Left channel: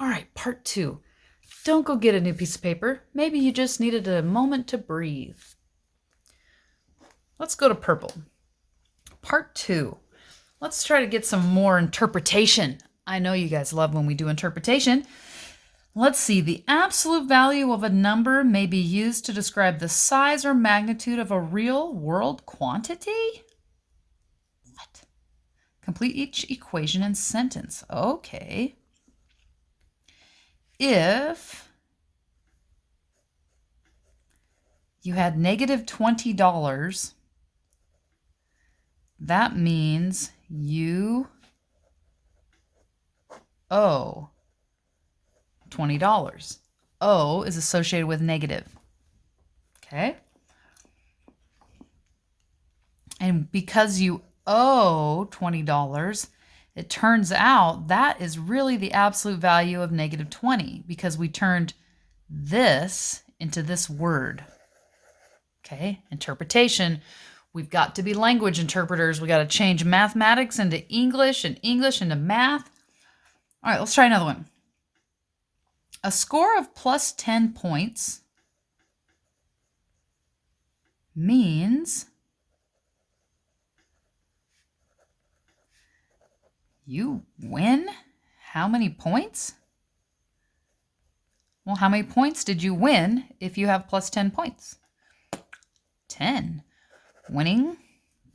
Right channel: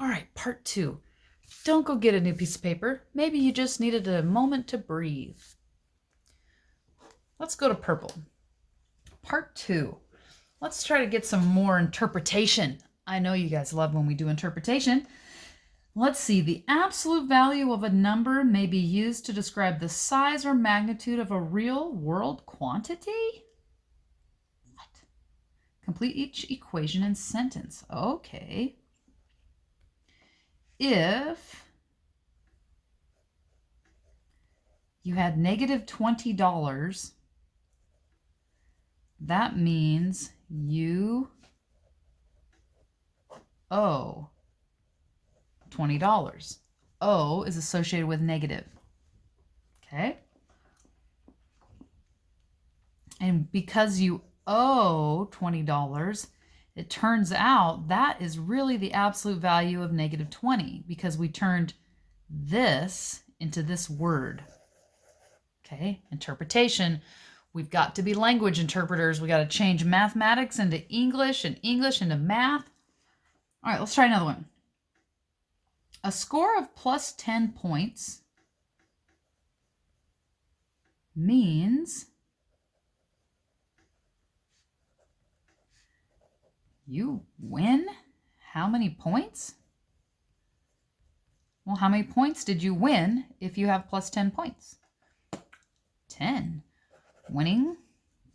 All right, part 2. Don't go get a new piece of paper. Maybe you just needed a moment to breathe. Let's go to purple. Part 2. Let's try to get some more interpretation. I know you guys love when we do interpretation. Let's see. The absolute value of a number may be used to describe the size or magnitude of a real world quantity? What? Complete each equation and sentence. Okay. If you had negative $20, that means you owe $20. O is associated with negative. Okay? And because you owe $20, it turns out that is really the absolute value of negative 20 because we turned this into this word. Okay? Interpretation. We've got to be language interpreters. We got to change mathematics into English and English into math. All right, let's try another one. A score of plus 10 points means you win. How many points? Well, how many points did you win if you have plus 10 points? 10. Winning,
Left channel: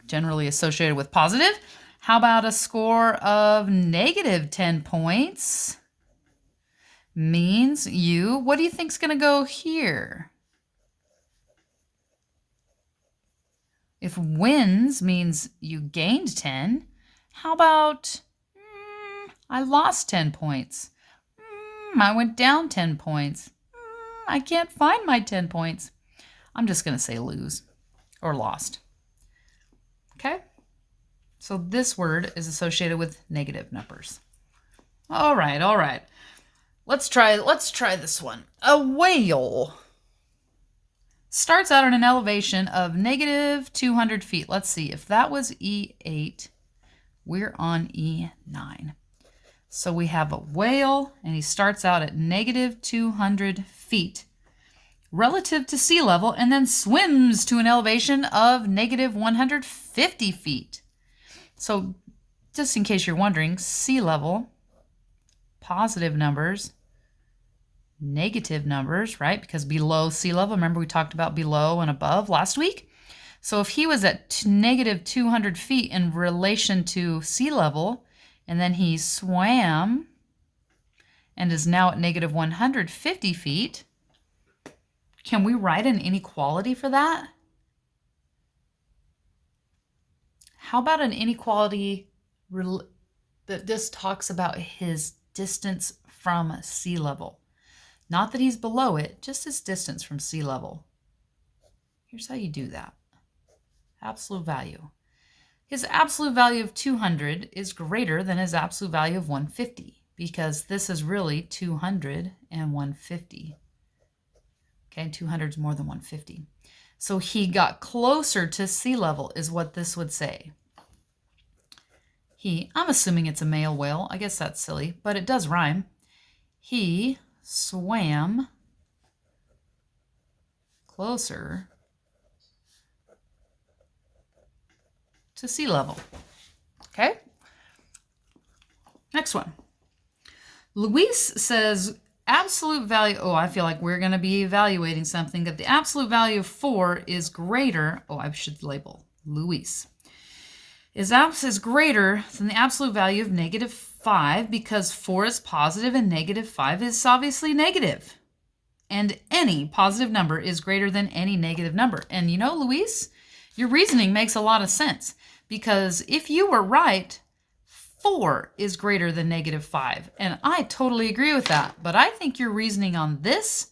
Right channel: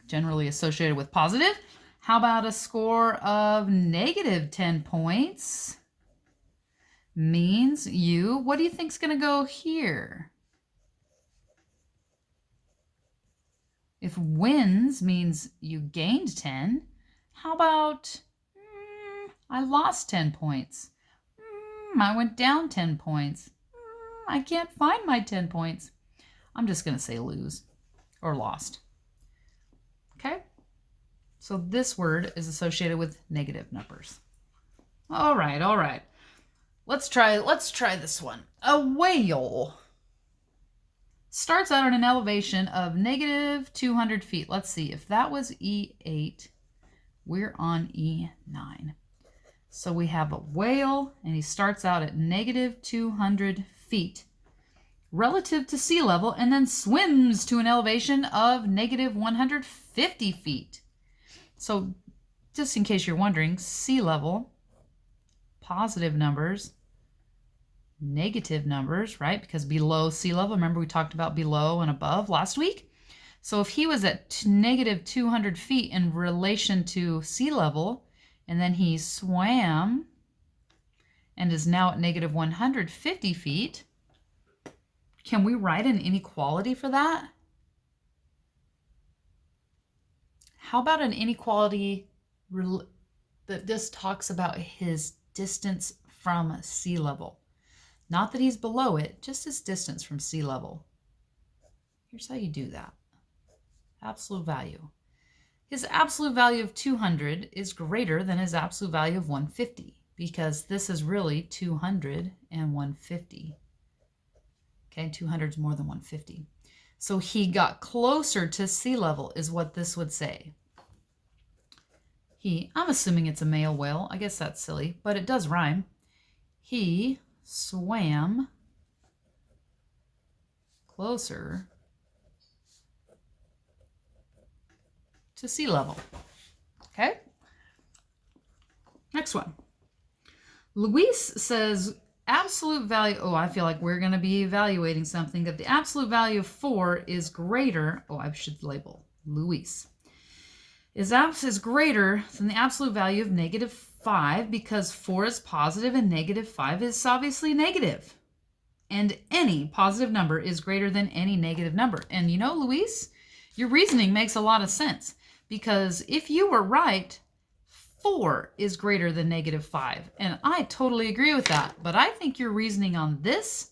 generally associated with positive. How about a score of negative 10 points? Means you, what do you think's going to go here? If wins means you gained 10, how about I lost 10 points? I went down 10 points. I can't find my 10 points. I'm just going to say lose or lost. Okay? So this word is associated with negative numbers. All right, all right. Let's try this one. A whale starts out at an elevation of negative 200 feet. Let's see, if that was E8, we're on E9. So we have a whale, and he starts out at negative 200 feet relative to sea level, and then swims to an elevation of negative 150 feet. So just in case you're wondering, sea level, positive numbers, negative numbers, right? Because below sea level, remember we talked about below and above last week? So if he was at negative 200 feet in relation to sea level, and then he swam and is now at negative 150 feet, can we write an inequality for that? How about an inequality that just talks about his distance from sea level? Not that he's below it, just his distance from sea level. Here's how you do that. Absolute value. His absolute value of 200 is greater than his absolute value of 150 because this is really 200 and 150. Okay, 200 is more than 150. So he got closer to sea level is what this would say. I'm assuming it's a male whale. I guess that's silly, but it does rhyme. He swam closer to sea level. Okay? Next one. Luis says absolute value, I feel like we're going to be evaluating something, that the absolute value of 4 is greater, I should label Luis, is greater than the absolute value of negative 5 because 4 is positive and negative 5 is obviously negative. And any positive number is greater than any negative number. And you know, Luis, your reasoning makes a lot of sense because if you were right, 4 is greater than negative 5. And I totally agree with that. But I think your reasoning on this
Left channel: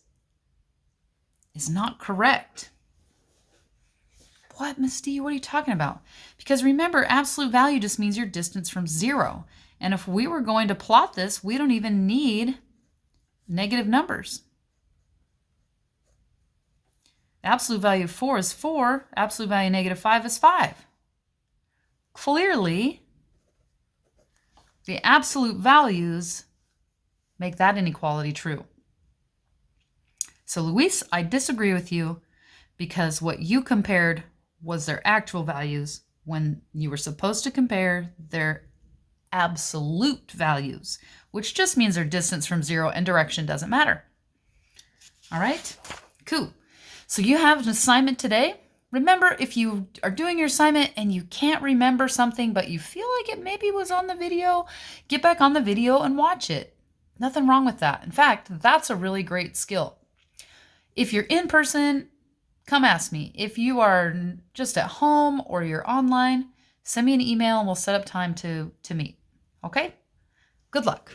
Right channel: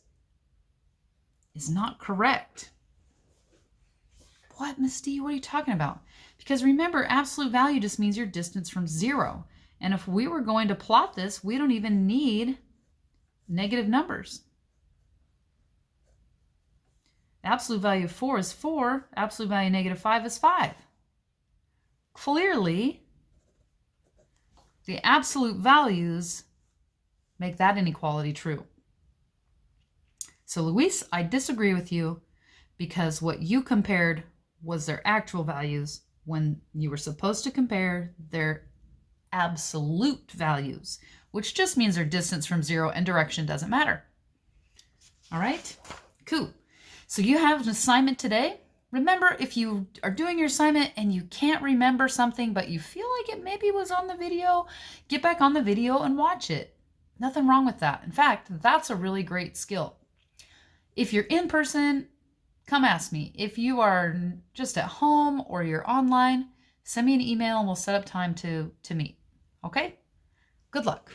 is not correct. What, Miss D? What are you talking about? Because remember, absolute value just means your distance from 0. And if we were going to plot this, we don't even need negative numbers. Absolute value of 4 is 4. Absolute value of negative 5 is 5. Clearly, the absolute values make that inequality true. So Luis, I disagree with you because what you compared was their actual values when you were supposed to compare their absolute values, which just means their distance from zero and direction doesn't matter. All right, cool. So you have an assignment today. Remember, if you are doing your assignment and you can't remember something, but you feel like it maybe was on the video, get back on the video and watch it. Nothing wrong with that. In fact, that's a really great skill. If you're in person, come ask me. If you are just at home or you're online, send me an email and we'll set up time to meet. Okay? Good luck.